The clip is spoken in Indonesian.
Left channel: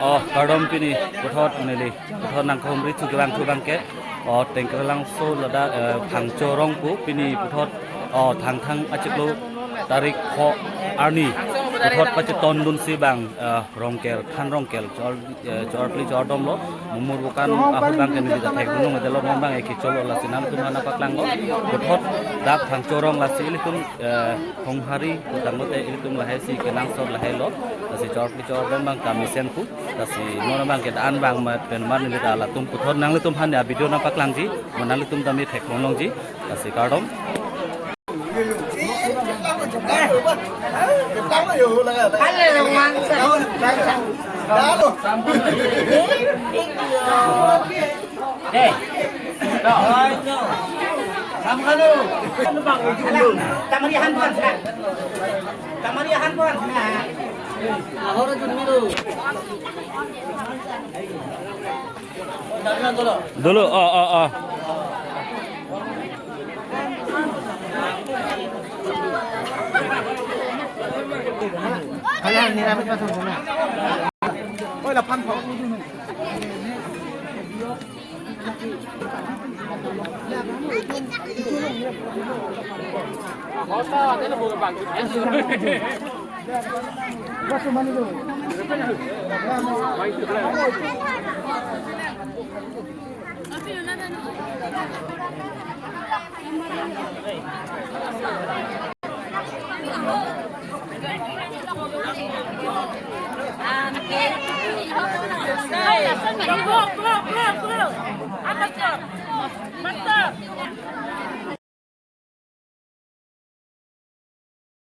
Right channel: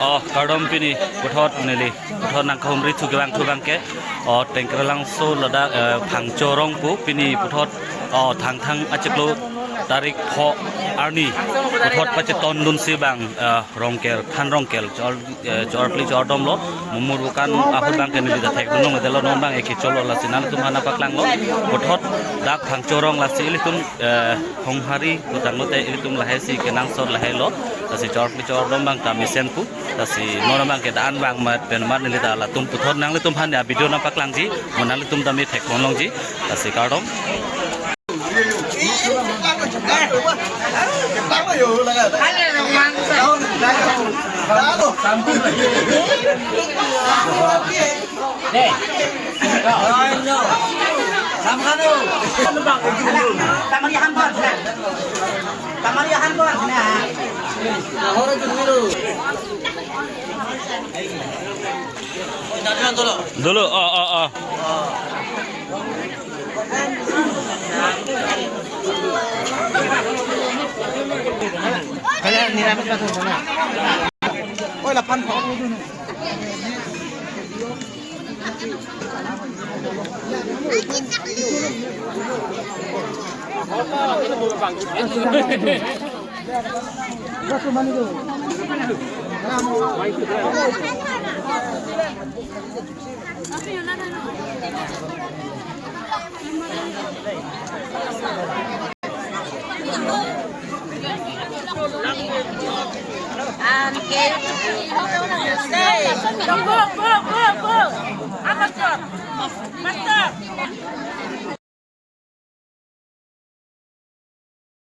Kardom pini puthot neli puthot nang khomri thukewang thubangke tengkralang so lada phangchorong pu pini puthot thang achiklo tarik pho arni puthot pacheton dun sibang rongkel khan rongkel chorpli chordom lo mumur bukan ahut bang ke neli da thek dunong delo non bang eki cholo la sinal tum hana paklang lo puthot dak phangchorong la sili tum honghari kutangote ilitum lahai si kenang sor lahai lo tasi chorpli chordom bang tamisen pu tasi nona bang ke dan bang mat penmat neli ta la tum puthot nang le tum han ya video na paklang ji monang le tum dami thek longlong ji tasi kardom dulu Kaya nilai macam tu sana. Oh, 8 pok itu ni. Berapa mana tu?